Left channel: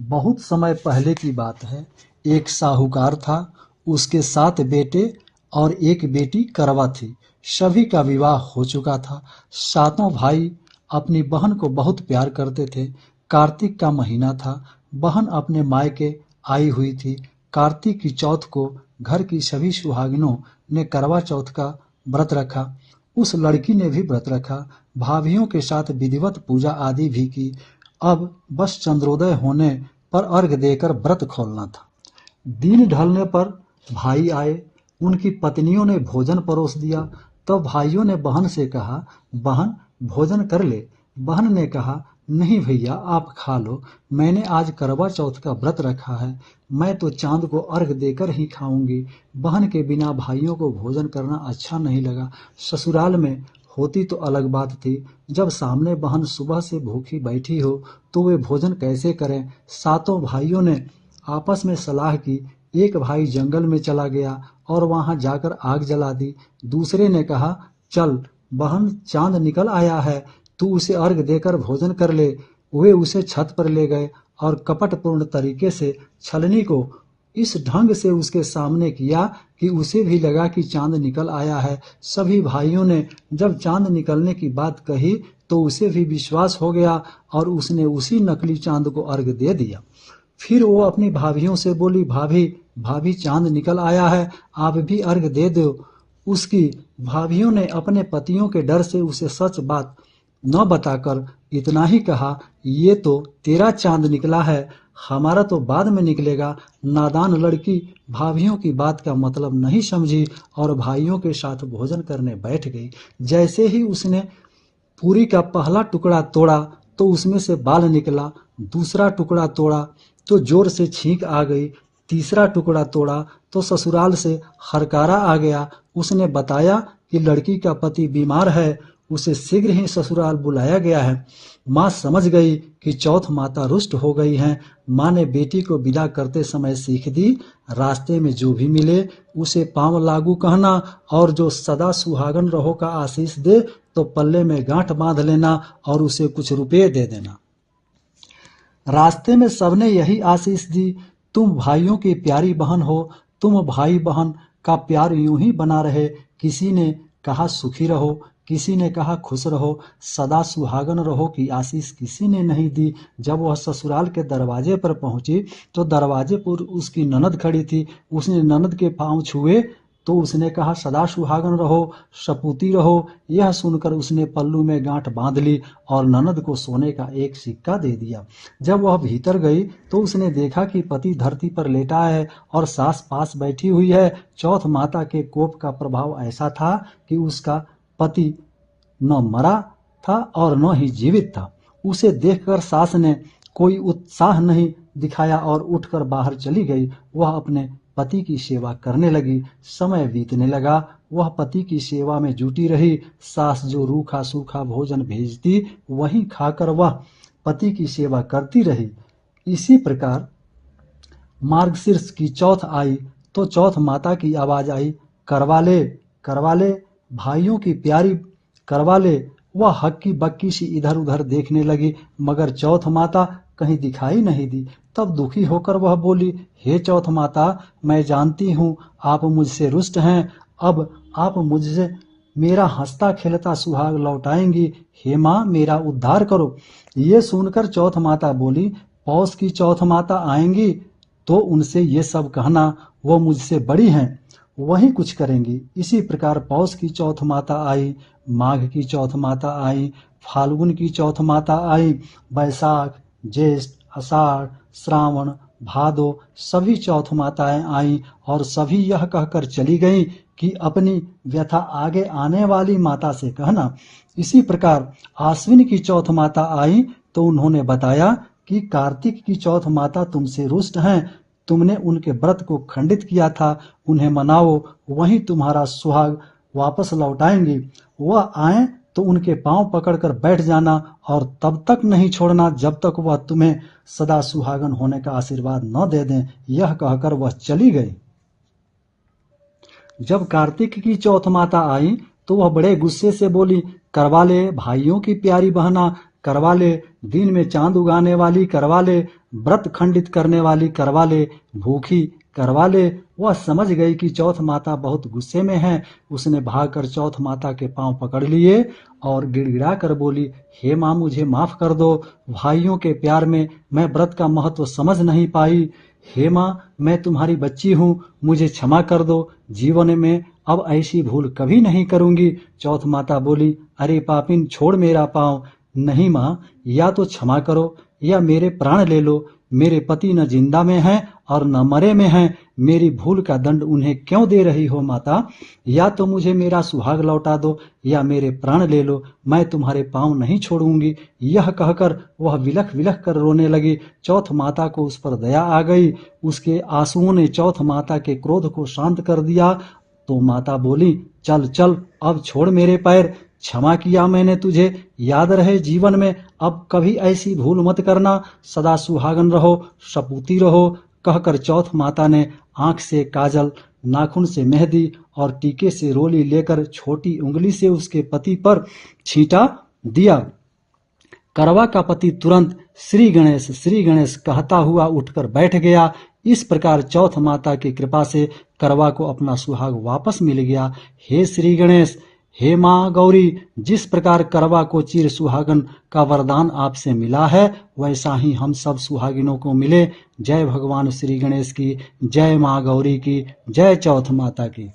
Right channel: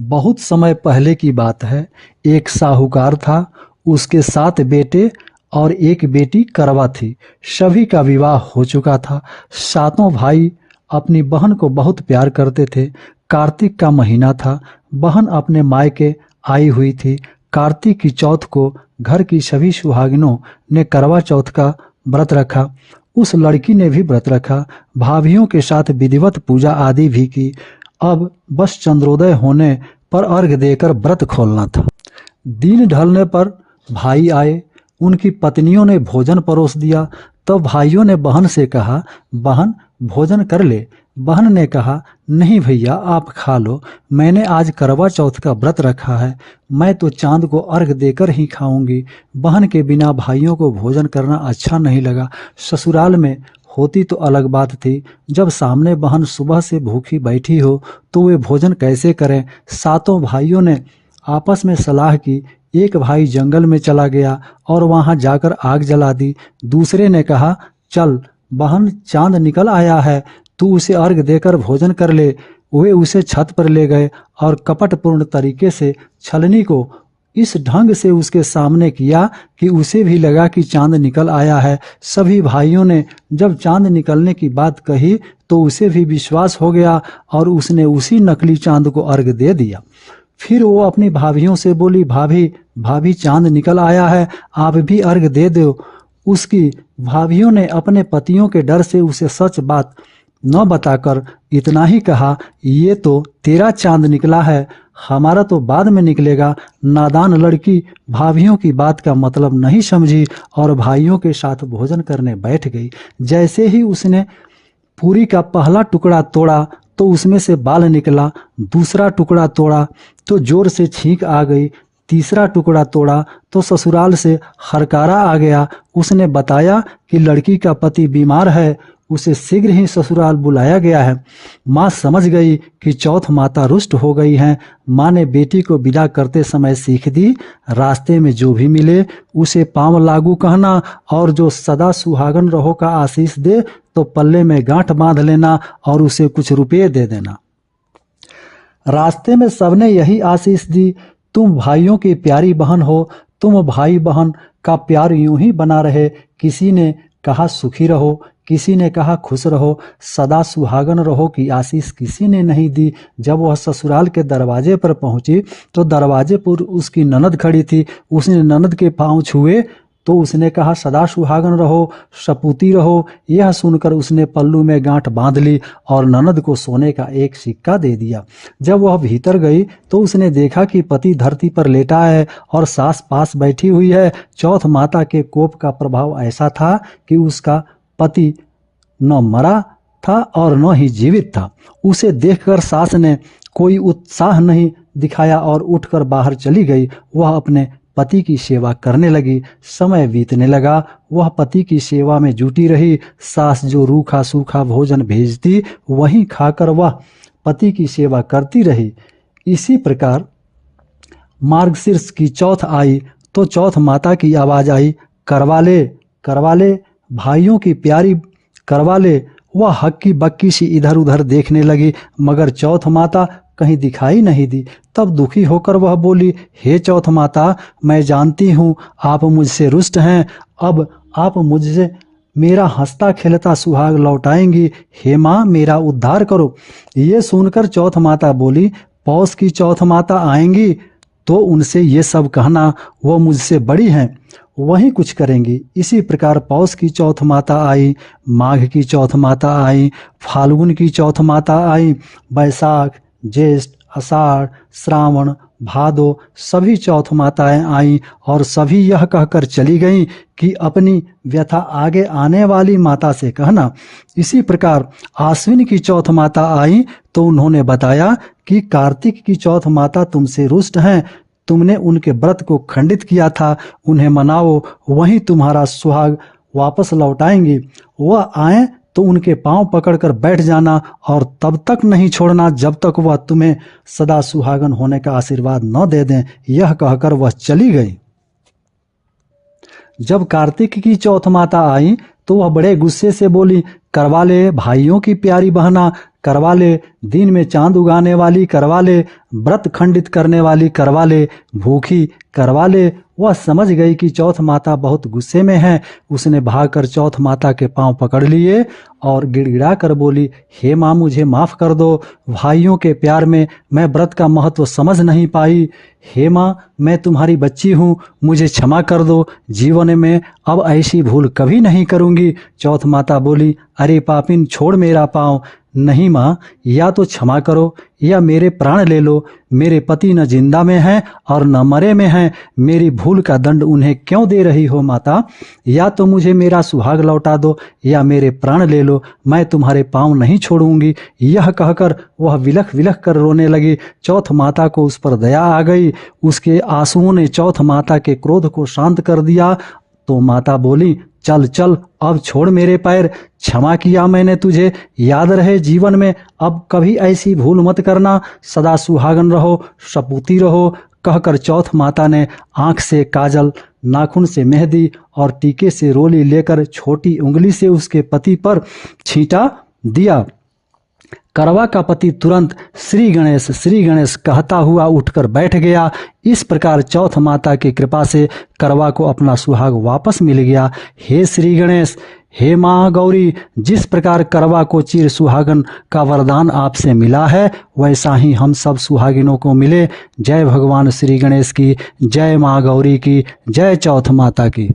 बहुत समय पहले की बात है। एक साहूकार था, उसके 7 बेटे और एक बेटी करवा थी। सभी का विवाह हो चुका था। सातों भाई अपनी बहन को बहुत प्यार करते थे। कार्तिक का महीना था। बहन अपने मायके आई हुई थी। कार्तिक की चौथ को घर की सभी सुहागिनों ने करवा चौथ का व्रत रखा। उस लड़की ने भी व्रत रखा। भाभीियों के साथ विधिवत पूजा आदि भी की। अब बस चंद्रोदय होने पर अर्घ देकर व्रत खोलना था। दिन ढलने पर भाई आए। उनकी पत्नियों ने भोजन परोस दिया। तब भाइयों ने बहन से कहा, बहन भोजन कर ले। बहन ने कहा, नहीं भैया आप खा लो, मैंने आज करवा चौथ का व्रत रखा है, मैं तो चांद को अर्घ देकर ही खाऊंगी। बहन के बिना भाइयों को भोजन करना अच्छा नहीं लगा। ससुराल में होती तो अलग बात थी। जब सामने बहन सुबह से भूखी बैठी हो तो वे भोजन कैसे करें। सातों भाइयों ने आपस में सलाह की। एक भाई जंगल में चला गया और वहां जाकर आग जला दी। दूसरे ने कहा, चल बहन चांद निकल आया है, तू उसे अर्घ देकर भोजन कर ले। वे उसे छत पर ले गए और कपटपूर्ण तरीके से छलनी को इस ढंग से उसके सामने किया कि उसे भी लगा कि चांद निकल आया है। सभी भाइयों ने जब चांद निकलने की बात कही तो उसे भी विश्वास हो गया और उसने उसी नकली चांद को अर्घ दे दिया। फिर वो अपनी भाभीियों से बोली, भाभी भाभी चांद निकल आया है, आप भी अर्घ दे दो। उसकी भाभीियों ने अपने पतियों के डर से उसे सच बात न बताकर इतना ही कहा, ये तो तेरा चांद निकला है, हमारा तो बाद में निकलेगा। नादान लड़की भाभीियों की बात का मतलब नहीं समझी और भाइयों के साथ भोजन करने बैठ गई। जैसे ही उसने पूरी का पहला टुकड़ा तोड़ा तो उसमें से बाल निकला। दूसरा टुकड़ा तोड़ा तो जोर से छींक आ गई। तीसरा टुकड़ा तोड़ा तो ससुराल से हरकारा आ गया। उसने बताया कि लड़की का पति बीमार है, उसे शीघ्र ही ससुराल बुलाया गया है। माँ समझ गई कि चौथ माता रुष्ट हो गई हैं। माँ ने बेटी को विदा करते समय सीख दी, रास्ते में जो भी मिले उसे पांव लागू कहना और जो सदा सुहागन रहो का आशीष दे तो पल्ले में गांठ बांध लेना और उसे कुछ रुपये दे देना। रास्ते में सबने यही आशीष दी, तुम भाइयों की प्यारी बहन हो, तुम भाई बहन का प्यार यूं ही बना रहे। किसी ने कहा सुखी रहो, किसी ने कहा खुश रहो, सदा सुहागन रहो की आशीष किसी ने नहीं दी। जब वह ससुराल के दरवाजे पर पहुंची तो दरवाजे पर उसकी ननद खड़ी थी। उसने ननद के पांव छुए तो उसने कहा, सदा सुहागन रहो, सपूती रहो। यह सुनकर उसने पल्लू में गांठ बांध ली और ननद को सोने का एक सिक्का दे दिया। जब वह भीतर गई तो उसने देखा कि पति धरती पर लेटा है और सास पास बैठी हुई है। चौथ माता के कोप का प्रभाव ऐसा था कि उसका पति न मरा था और न ही जीवित था। उसे देखकर सास ने कोई उत्साह नहीं दिखाया और उठकर बाहर चली गई। वह अपने पति की सेवा करने लगी। समय बीतने लगा, वह पति की सेवा में जुटी रही। सास जो रूखा सूखा भोजन भेजती वही खाकर वह पति की सेवा करती रही। इसी प्रकार मार्गशीर्ष की चौथ आई तो चौथ माता की आवाज आई, करवा ले करवा ले, भाइयों की प्यारी करवा ले। वह हक्की बक्की सी इधर उधर देखने लगी मगर चौथ माता कहीं दिखाई नहीं दी। तब दुखी होकर वह बोली, हे चौथ माता, मैं जानती हूँ आप मुझसे रुष्ट हैं, अब आप मुझसे मेरा हंसता खेलता सुहाग लौटाएंगी। हे माँ मेरा उद्धार करो। ये सुनकर चौथ माता बोली, पौष की चौथ माता आएंगी तो उनसे ये सब कहना, वो मुझसे बड़ी हैं, वही कुछ करेंगी। इसी प्रकार पौष की चौथ माता आई, माघ की चौथ माता आई, फाल्गुन की चौथ माता आई, बैसाख ज्येष्ठ आषाढ़ श्रावण भादो सभी चौथ माताएं आईं और सभी यह कहकर चली गईं कि अपनी व्यथा आगे आने वाली माता से कहना। इसी प्रकार आश्विन की चौथ माता आई तो उन्होंने बताया कि कार्तिक की चौथ माता तुमसे रुष्ट हैं, तुमने उनके व्रत को खंडित किया था, उन्हें मनाओ, वही तुम्हारा सुहाग वापस लौटाएंगी। वह आए तो उनके पांव पकड़कर बैठ जाना और तब तक नहीं छोड़ना जब तक वह तुम्हें सदा सुहागन होने का आशीर्वाद न दे दें। यह कहकर वह चली गई। जब कार्तिक की चौथ माता आई तो वह बड़े गुस्से से बोली, करवा ले भाइयों की प्यारी बहना, करवा ले, दिन में चांद उगाने वाली करवा ले, व्रत खंडित करने वाली करवा ले, भूखी करवा ले। वह समझ गई कि चौथ माता बहुत गुस्से में है। उसने भागकर चौथ माता के पांव पकड़ लिए और गिड़गिड़ा कर बोली, हे माँ, मुझे माफ कर दो। भाइयों के प्यार में मैं व्रत का महत्व समझ नहीं पाई। हे माँ, मैं तुम्हारी बच्ची हूँ, मुझे क्षमा कर दो। जीवन में अब ऐसी भूल कभी नहीं करूँगी। चौथ माता बोली, अरे पापिन, छोड़ मेरा पाँव। नहीं माँ, या तो क्षमा करो या मेरे प्राण ले लो। मेरे पति न जिंदा में हैं और न मरे में हैं। मेरी भूल का दंड उन्हें क्यों दे रही हो माता? या तो मुझे मेरा सुहाग लौटा दो या मेरे प्राण ले लो। मैं तुम्हारे पाँव नहीं छोड़ूंगी। यह कहकर वह विलख विलख कर रोने लगी। चौथ माता को उस पर दया आ गई। उसके आंसुओं ने चौथ माता के क्रोध को शांत कर दिया। तो माता बोली, चल चल, अब छोड़ मेरे पैर। क्षमा किया मैंने तुझे। याद रहे जीवन में अब कभी ऐसी भूल मत करना। सदा सुहागन रहो, सपूती रहो। कहकर चौथ माता ने आंख से काजल, नाखून से मेहंदी और टीके से रोली लेकर छोटी उंगली से उसके पति पर छींटा दिया। करवा का पति तुरंत श्री गणेश कहता हुआ उठकर बैठ गया। इस प्रकार चौथ माता की कृपा से करवा को अपना सुहाग वापस मिल गया। हे श्री गणेश, हे माँ गौरी, जिस प्रकार करवा को चिर सुहागन का वरदान आपसे मिला है, वैसा ही हम सब सुहागिनों को मिले। जय भगवान श्री गणेश की, जय माँ गौरी की, जय चौथ माता की।